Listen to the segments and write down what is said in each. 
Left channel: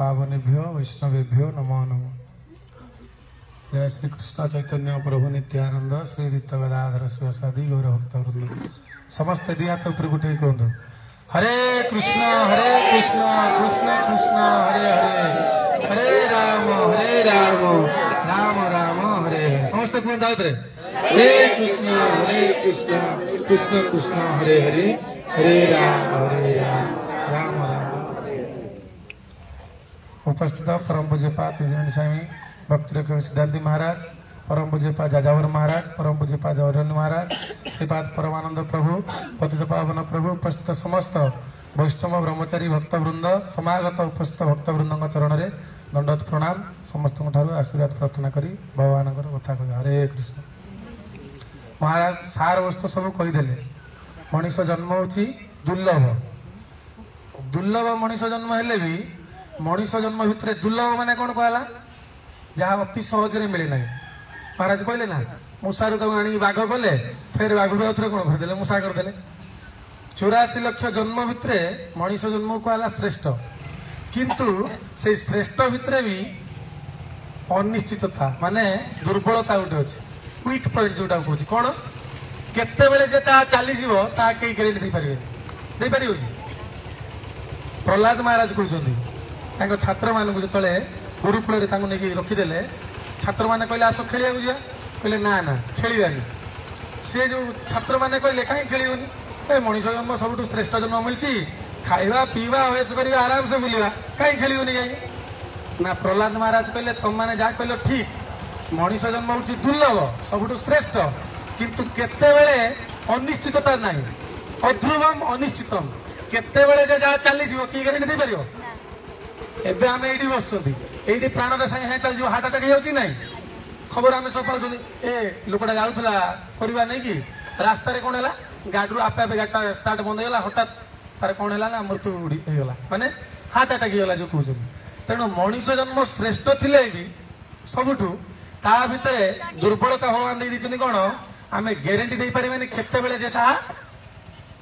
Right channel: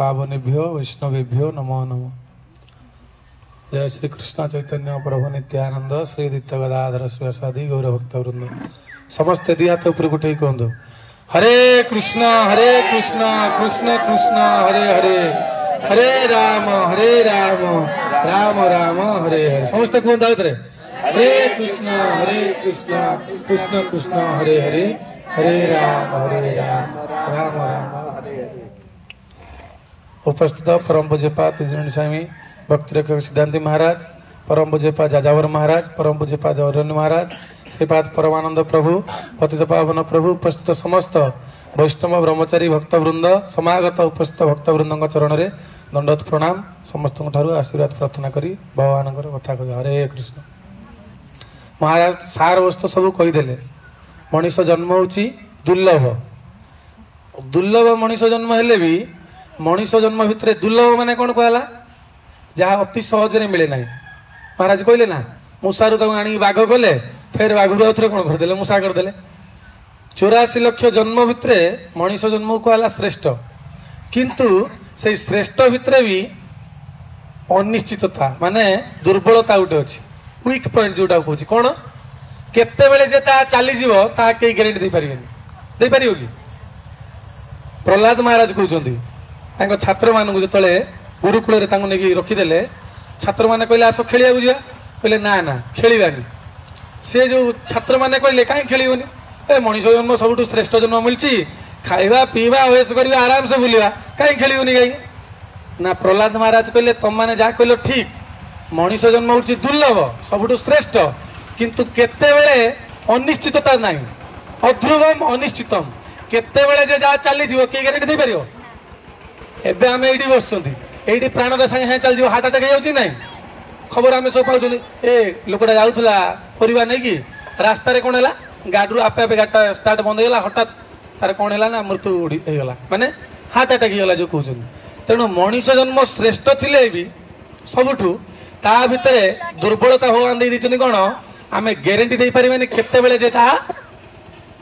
पावनेभ्यो वैष्णवेभ्यो नमो नमो। जय श्री कृष्ण चैतन्य प्रभु नित्यानंद श्री दित्य गदाधर शिवसादि गौर भक्त वृंद समस्त दिया तो ऊपर उठे कहतु हरे कृष्ण कृष्ण कृष्ण हरे हरे हरे राम राम राम हरे हरे समस्त कहते हरे कृष्ण कृष्ण कृष्ण हरे हरे हरे राम राम राम उपस्थित परम पूज्यपा त्रिजुणी स्वामी भक्ति सिद्धांति महाराज, परम पूज्यपा जाजावर महाराज, परम पूज्यपा जौरण्य महाराज, श्रीपाद परमानंद प्रभु, पतित पावन प्रभु, उपस्थित समस्त वैष्णव ब्रह्मचारी भक्त वृंद, समागत उपस्थित भक्त वृंद चरण में दंडवत प्रणाम। समस्त आशीर्वाद प्रार्थना करी भगवान कथा कह हरे कृष्ण। महाराज सार वस्तु सब कहीदेले मनीष जन्म होची दुर्लभ दुर्लभ मनीष जन्म हेले भी मनीष जन्म भितर दुर्लभ माने कौन कहला जहाँ अति सहजरे मिले ना। महाराज कहले ना मूषारू तक आनी बाघ कले फिर बाघ रे कौन करदे मूषा करदे 84 लक्ष जन्म भितर मनीष जन्म कहला श्रेष्ठ किंतु से श्रेष्ठ भितर भी अनिश्चितता माने दुर्बलता गोटे अच्छी वीक पॉइंट जोटा कहूँ कौन केते बेले जे ता चली जीव ता कई ग्यारंटी दे पारिबेनी दे पारिबो कि प्रहलाद महाराज कहउछंती तांको छात्र मानकु जतले गुरुकुल रे तांको नेकी रखिदेले छात्र माने कहले आसो खेलिया बुझिया कहले ना ना खेलिबानी से जो छात्र माने कहले काई खेलिबोनी ए मनीष जन्म सबुठु श्रेष्ठ जन्म मिलची खाइबा पीबा ओएस करिबा आराम से बुलिबा काई खेलिबोनी काई ना प्रहलाद महाराज कहले तुम माने जा कहलो ठीक मनीष जन्म होची दुर्लभ सबुठु श्रेष्ठ किंतु केते बेले अनिश्चितता नाही अध्रुवम अनिश्चितम केते बेले जे जा चली जीव की गारंटी दे परियो एबे आमे एडी बसछंती एडी प्राण रे संगे चल जीव हार्ट अटैक हेउची नाही खबर आमे सब पाउछंती ए लोकटा जाउथला परिवार नै की रास्ता रे कोन हला गाडरू आपे आपे गाटा स्टार्ट बंद हेला हठात तार कोन हला ना मृत्यु उडी हेला माने हार्ट अटैक हेला जो कहउछंती तेनु मनीष जन्म श्रेष्ठ थिले भी सबुठु ता भितरे दुर्बलता भगवान दे दिछनी कोन आमे ग्यारंटी दे परिबेनी केते बेले जे ता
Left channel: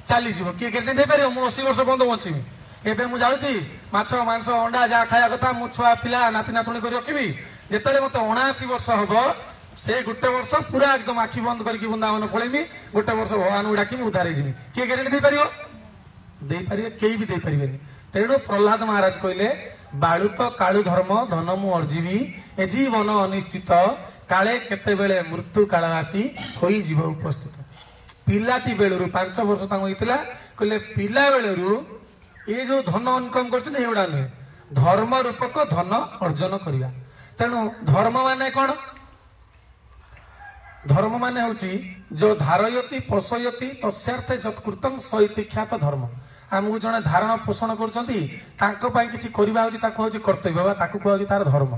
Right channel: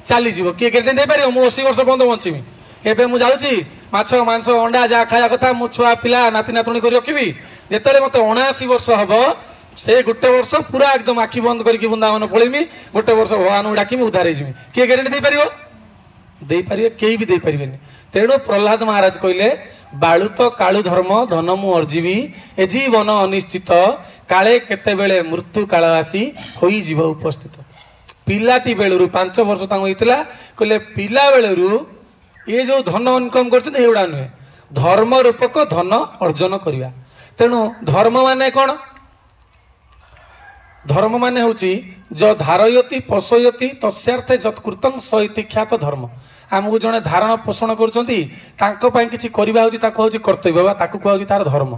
चली जीव किए ग्यारंटी दे परियो मु 80 वर्ष बंद बंचीमी एबे मु जाउची माछ मांस अंडा जा खाया कथा मु छुआ पिला नाती नातुणी करी रखिबी जेतले मते 79 वर्ष हबो से गोटे वर्ष पूरा एकदम आखि बंद करके वृंदावन पळेमी गोटे वर्ष भगवान डाकिमी उद्धार हेजिमी किए ग्यारंटी दे परियो दे परियो केई भी दे परिबेनी तेणु प्रहलाद महाराज कहले बाळुत काळु धर्म धन मु अर्जीवी ए जीवन अनिश्चित काले केते बेले मृत्यु काल आसी होई जीव उपस्थित पिलाटी बेलुरु 5 वर्ष तांग होइतला कहले पिला बेलुरु ये जो धन इनकम करछन एउडा नुहे धर्म रूपक धन अर्जन करिया तेणु धर्म माने कोन धर्म माने होची जो धारयति पोषयति तस्यार्थे जत्कृतं सइति ख्यात धर्म आमको जने धारण पोषण करछंती तांको पई किछि करिबा होची ताको होची कर्तव्य बा ताको कहउची तार धर्म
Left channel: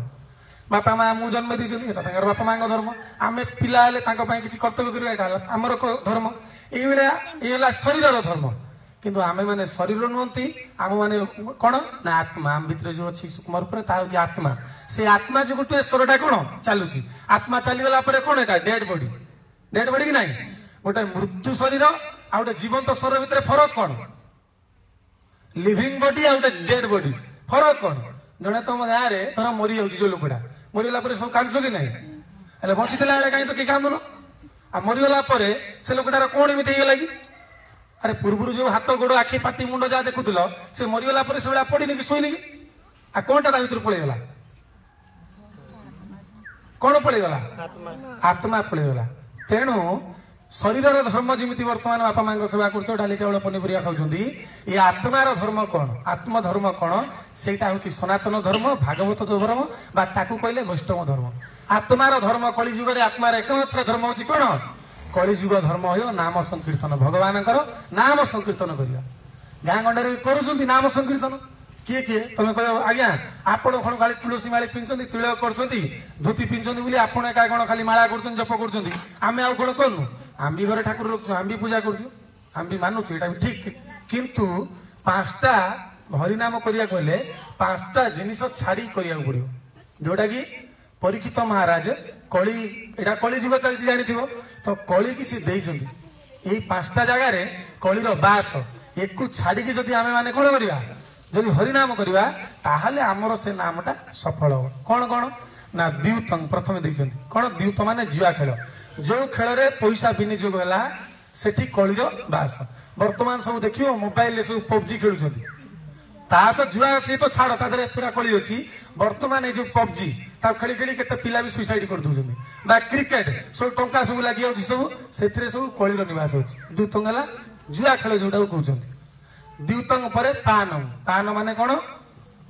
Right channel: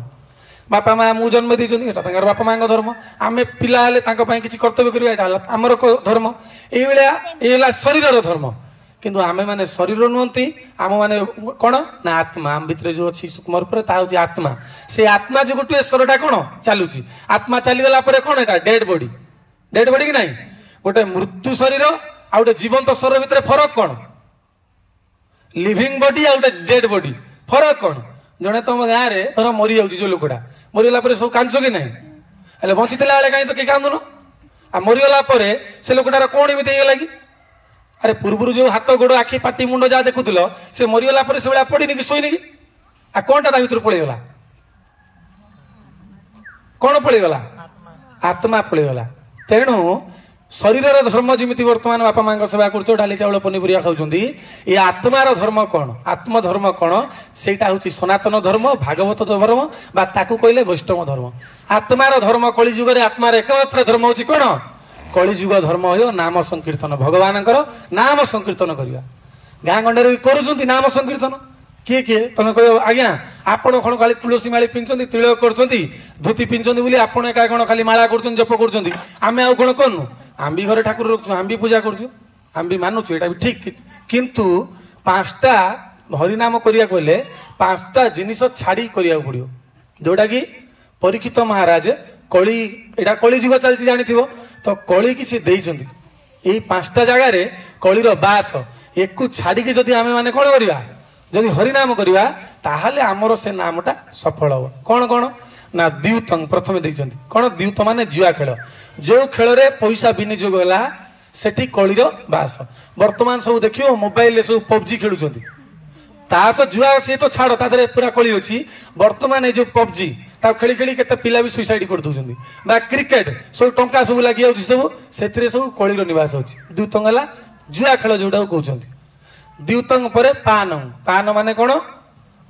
बापा माँ मु जन्म देइछंती एटा तांकर बापा माँ धर्म आमे पिला हेले तांको पई किछि कर्तव्य करिबा एटा हमर धर्म एई बेला एला शरीरर धर्म किंतु आमे माने शरीर नुहंती आम माने कोन ना आत्मा आम भितर जो अछि सूक्ष्म रूप रे ता होची आत्मा से आत्मा जो गुटु शरीरटा कोन चालुची आत्मा चली गला परे कोन एटा डेड बॉडी कि नाही गोटे मृत्यु शरीर आ गोटे जीवंत शरीर भितर फरक कोन लिविंग बॉडी आ गोटे डेड बॉडी फरक कोन जने तुम गाँ रे तोर मरी जाउची जो लोकटा मरिगला परे सब कांचो कि नाही हेले बंचितला बेले काई तो के कांदुनो आ मरिगला परे से लोकटार कोन एमिति हे लागी अरे पूर्व जो हाथ गोड़ आखि पाटी मुंड जा देखुल से मरीगला से बेला पड़नी कि शोनी कि आ कौन टा भर पड़ेगला कौन पड़ेगला आत्मा पड़ेगला तेणु शरीर धर्म जमी वर्तमान बापा माँ सेवा कर डाली चाउल पनीपरिया खाऊँ ये आत्मार धर्म कौन आत्मधर्म कौन से सनातन धर्म भागवत धर्म बा ताकू कहले वैष्णव धर्म आत्मार धर्म कलिजुग आत्मार एकमात्र धर्म हूँ कौन कलिजुग धर्म हो नाम संकीर्तन भगवान नाम संकीर्तन करवा गाँ गंडे कर नाम संकीर्तन किए किए तुम कह आज्ञा आपण कौन खाली तुलसी माली पिंधुंट तिलक कर धोती पिंधुंट आपण एका कौन खाली माला कर जप कर आम आउ कौन करूँ आम भी घरे ठाकुर रखु आम भी पूजा करुँ आम भी मानुचु यहाँ भी ठीक किंतु 5टा हरिनाम करिया कहले 5टा जिनिस छाड़ी करिया पड़ो जोटा कि परीक्षित महाराज कली एटा कली जुग चलती जानी तो कली कि सी देइछंती एई 5टा जगह रे कलीर बास एकु छाड़ी कि जदि आमे माने कोन करिया जदि हरिनाम करवा ताहले आमर से नामटा सफल हो कौन कौन ना द्यूतंग प्रथम देइछन्ति कौन द्यूत माने जुआ खेल जो खेल रे पैसा विनियोग होला सेठी कलिर बास वर्तमान सब देखियो मोबाइल सब पबजी खेलुछन्ति तास जुआ से तो छाड़ तादरे पूरा कली अछि वर्तमान ए जो पबजी ता खेली खेली केते पिला भी सुसाइड कर दोछन्ति बा क्रिकेट सब टंका सब लागि आउछि सब सेथिरे सब कलिर निवास अछि द्यूतंग हला जुआ खेल जोडा कहउछन्ति द्यूतंग परे पान पान माने कोन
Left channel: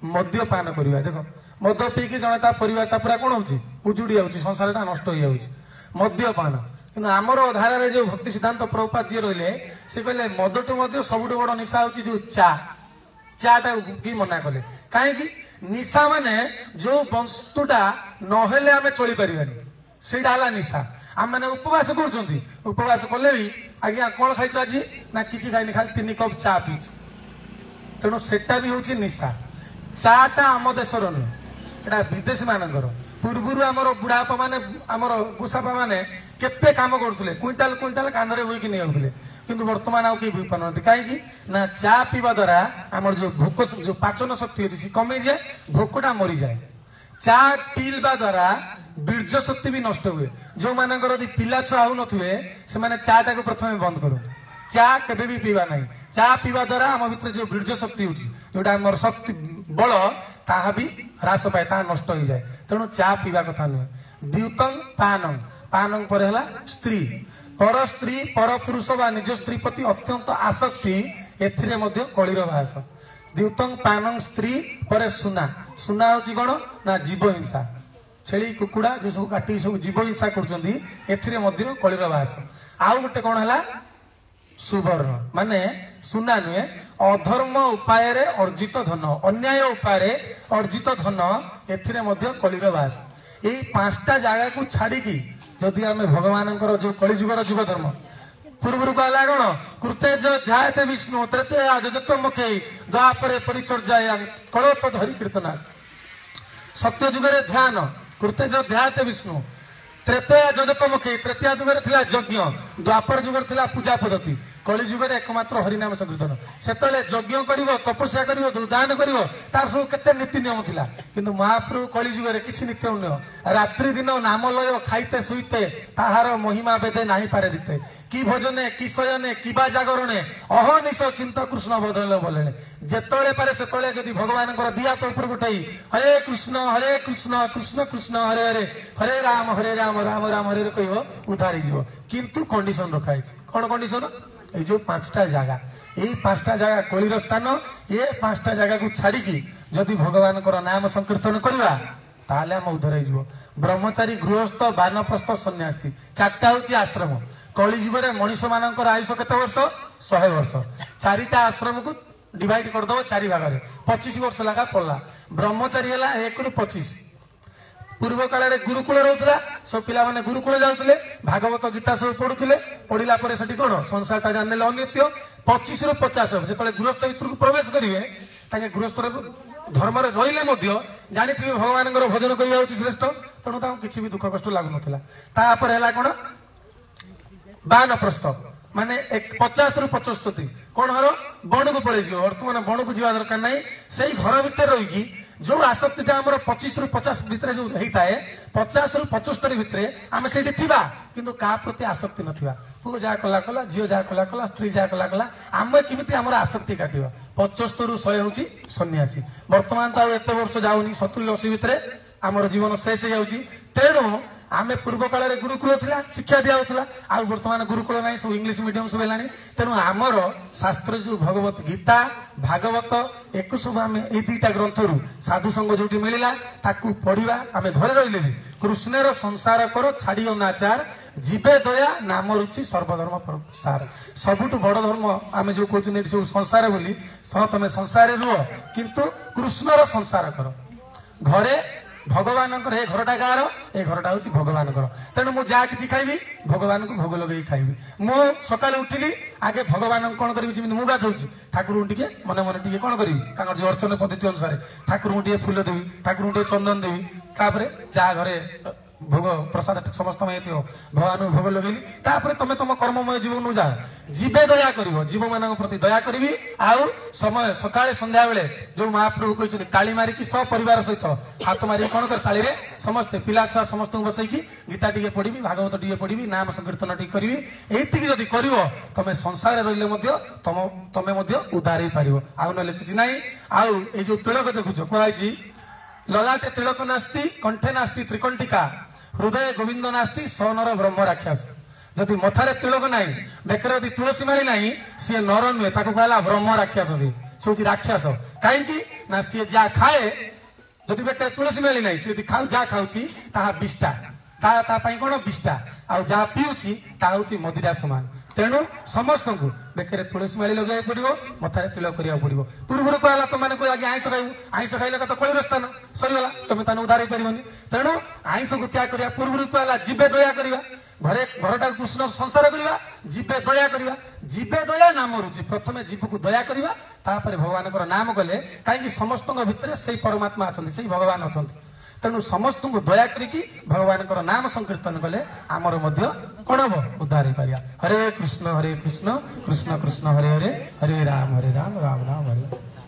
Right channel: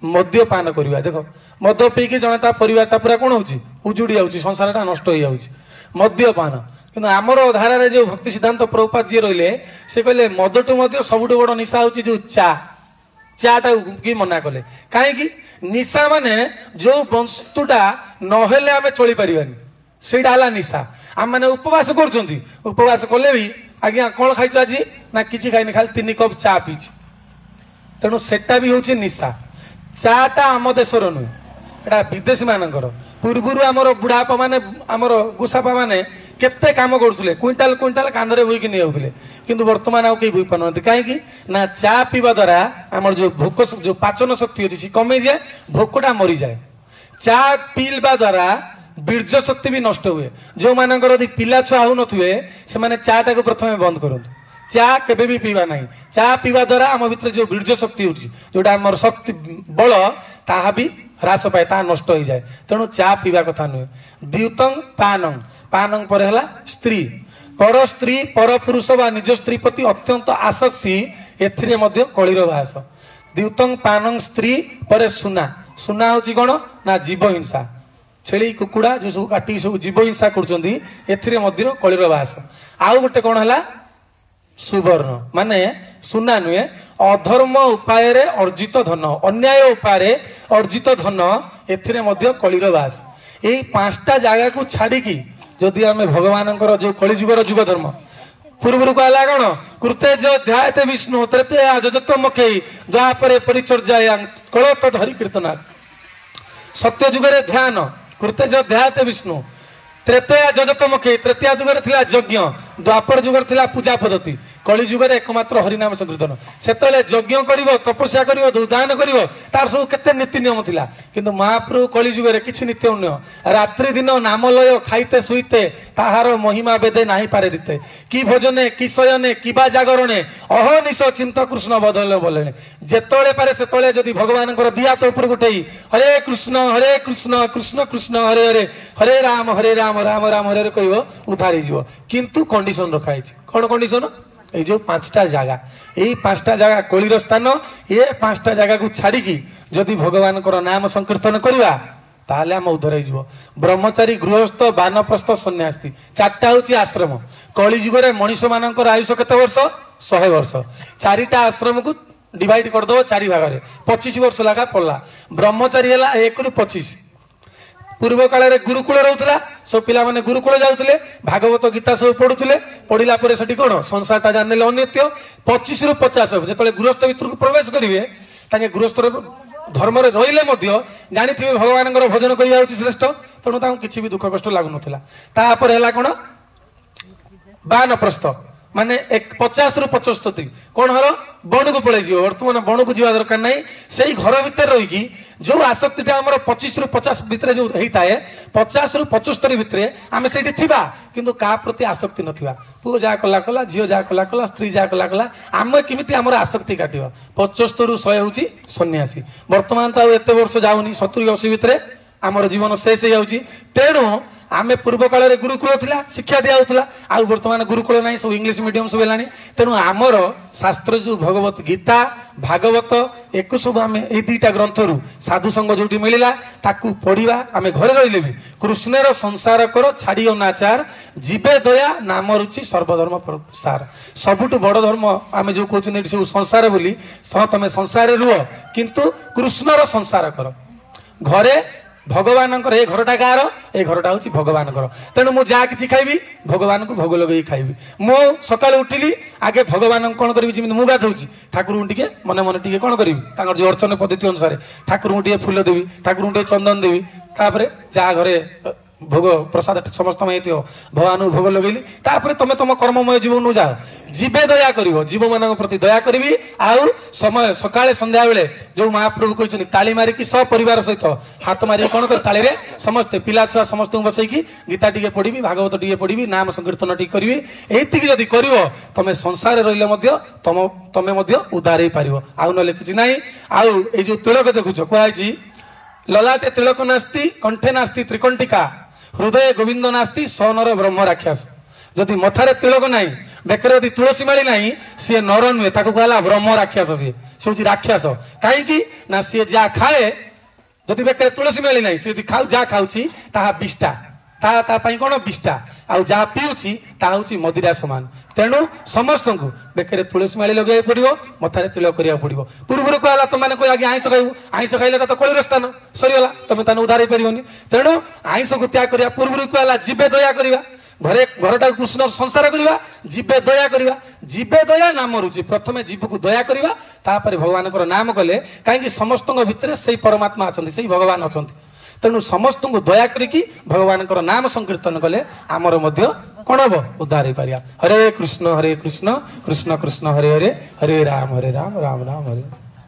मद्य पान करवा देखो मद पीकी जने ता परिवार ता पूरा कोन होछि उजुडी आउछि संसारटा नष्ट होई आउछि मद्य पान किंतु आमर धारा रे जो भक्ति सिद्धांत प्रभुपाद जी रहिले से कहले मदटो मद्य सबुठो बड़ निशा होछि जो चाटा की मना कले कहीं निशा माने जो वस्तुटा नहेले आमे चली परिबानी सेटा हला निशा आम माने उपवास करछन्ती उपवास कले भी आज्ञा कोन खाइछ आज ना किछि खाइनी खाली 3 कप चा पीछि तेणु सेटा भी होछि निशा चाटा आम देशर नु एटा विदेशी मानकर पूर्वरु आमर बुढ़ापा माने आमर गुसापा माने केते काम करथुले क्विंटाल क्विंटाल कांधरे बोइकी नि आउथुले किंतु वर्तमान आ केही बोइ पानथि काहे कि ना चा पीवा द्वारा आमर जो भोक जो पाचन शक्ति अछि कमे जाय भोकटा मरि जाय चा पीलबा द्वारा बीर्ज शक्ति भी नष्ट हुए जो मानकर यदि पिला छुआ हो नथुए से माने चाटा को प्रथमे बंद करंतु चा केबे भी पीवा नहीं चा पीवा द्वारा आम भितर जो बीर्ज शक्ति होछि जोटा हमर शक्ति बल ताहा भी ह्रास पाए ता नष्ट हो जाए तेणु चा पीवा कथा नुहे द्यूतंग पानंग पानंग पर हला स्त्री पर पुरुष बा निज स्त्री प्रति अत्यंत आसक्ति एथिरे मध्य कलिर बास द्यूतंग पानंग स्त्री पर सुना सुना होछि कोन ना जीव हिंसा छेली कुकुड़ा जो सब काटी सब जीव हिंसा करछन्ती एथिरे मध्य कलिर बास आउ गोटे कोन हला सुवर्ण माने सुना नुहे अधर्म उपाय रे अर्जित धन अन्याय उपाय अर्जित धन एथिरे मध्य कलिर बास एई पांचटा जागा को छाड़ी की जदि आमे भगवानकर जो कलिजुगर जुग धर्म पूर्व कहला कौन कृते जो ध्यायते विष्णु तृतीय जजत मुखे द्वापरे परिचर्या कलत धरी कीर्तना सत्य जुगरे ध्यान कृते जो ध्यायते विष्णु त्रेतया जजत मुखे तृतीय जुगरे थिला यज्ञ द्वापर जुगरे थिला पूजा पद्धति कली जुगरे एकमात्र हरिनाम संकीर्तन सेतले यज्ञ करिवो तपस्या करिवो दान करिवो तार सब केते नीति नियम थिला किंतु महाप्रभु कली जुगरे किछि नीति नियम रात्रि दिन नाम लय खाइते सुइते ताहार महिमा बेदे नाही पारे दिते की भोजने की शयने की बा जागरणे अहनिश चिंत कृष्ण बदल बोलेने जेतळे पारे सेतळे जदि भगवानकर दिया तो ऊपर गुटेई हरे कृष्ण कृष्ण कृष्ण हरे हरे हरे राम राम राम हरे हरे कहबो उधारी जीवो किंतु कंडीशन रखा है कोन कंडीशन ए जो पांचटा जगह यही पांचटा जगह कलिर स्थान ये पांचटा जगह को छाड़ी की जदि भगवान को नाम संकीर्तन करवा ताले हम उद्धर हो ब्रह्मचारी गृहस्थ बानप्रस्थ सन्यासी चारटा हूँ आश्रम कली जुगरे मनीष मानकर आयुष केते वर्ष 100 वर्ष चारिटा आश्रम को डिवाइड करदो 4 भाग में 25 वर्ष लगा पड़ला ब्रह्मचारी है 1 ରୁ 25 पूर्व काल रे गुरुकुल रहउतला सब पिला माने गुरुकुल जाउतले भागवत गीता सब पढुतले पढिला परे सेठी कोन संसारटा जानले अन्यत्य 25 ରୁ 50 जेतले गृहस्थ भितर को प्रवेश करिवे ताके गृहस्थ धर्म रे रहिले मध्य जानिथिबे भगवानकर भजन करिया होछि श्रेष्ठ तणु ताऊ किछि भी दुख कष्ट लागु नथिला ता पर हैला कोन बानप्रस्थ माने 50 ରୁ 75 कौन हर बण को पड़े बर्तमान बण को जीवा दरकार नहीं से घर भितर रही जो आसक्तिटा आमर 25 ରୁ 50 भितर जो होता है 50 ରୁ 75 भितर आम से किंतु क्या प्रति आसक्ति नथिबा पु जा कला कला झियो जा कला कला स्त्री जा कला कला आम केमिति आमर आसक्ति काटिबो 75 ରୁ 100 होची सन्यासी वर्तमान तो एते वर्ष जाउनी 70 80 भितर आमर जीवन शेष हो जाउची तेणु आमे पूर्व काल रे गुरुकुल थिला शिक्षा दिया होतला आ वर्तमान गुरुकुल नाही सब इंग्लिश मीडियम सब हेलानी तेणु आमर शास्त्र जो भगवत गीता भागवत एक सब आमे ए दुईटा ग्रंथरु साधु संग जोटी मिलिला ताकू पढिबा आमे घरे रहिले भी कृष्णर संसार कर छाडियो नाचार जीवे दया नाम रुचि सर्वधर्म प्रसार सबुठ बड़ धर्म आमे जो कहउछन सब संसार बोली तमे संसार रुह किंतु कृष्णर संसार कर घरे भगवान ये घरटा गार ये घरटा हूँ भगवान तेणु मुझे जहाँ कि खाइबी भगवान को भोग लगे खाइबी मु सकाल उठिली आगे भगवान कौन करी जमी मुझे गाधौची ठाकुर टे मन मन टे कौन करी जो अर्चन पद्धति अनुसार ठाकुर टे फूल देवी ठाकुर टे चंदन देवी तापर जहाँ घरे भोग प्रसाद समस्त भगवान भोग लगेली तापर तुम तुम कर्ममय जीवन जाओ जीवे दया कर जीव मान प्रति दया करी आउ समय सकाळे संध्या बेले जो महाप्रभु कहते ताली मारिकी सपरिवार सहित हाथ मारिक कौन कर ताली समस्ते पिला छुआ समस्त बसैकी गीता टी पढ़ी भागवत टी पढ़ी नाम संकीर्तन टी करी एतिक जदि कर तुम संसार रही तुम उद्धार हो पार आउ ना किसी ना आउ ये जो तिलक देखुच कहुई ललाटे तिलक नास्ति कंठे नास्ति त्रिकंटिका हृदय गोविंद नास्ति सनर ब्रह्म राक्षस जदि मथारे तिलक ना बेकर यदि तुलसी माली ना सी नर नुहे कहला ब्रह्म राक्षस सी हूँ राक्षस कहीं ना सी जहाँ खाए जदि बेकर तुलसी माली ना सी जहाँ खाऊ विष्टा कौन विष्टा आउ जहाँ पीऊँगी हूँ मदिरा सामान तेणु समस्त को बेकर तुलसी माली लगे पड़ो मथारे तिलक करा पड़ो पूर्व कहला तुम मैंने कह आईष खाइबू आईष खाइले तो कलिर स्थान सरीगला तुम ताने उद्धार हो पारनी तेणु आईष को त्याग करा पूर्व कहला जीवे दया करवा घरे घरटा कृष्ण संसार करवा जीवे दया करवा जीवे दया नाम रुचि प्रथम जीव को दया करवा तापर भगवान नाम कले कहीं समस्त भितर से परमात्मा अच्छा से भगवान अच्छा तेणु समस्त को दया करिकी भगवान नाम संकीर्तन कले आमर कौन हम उद्धार हो पार हरे कृष्ण कृष्ण कृष्ण हरे हरे हरे राम राम राम हरे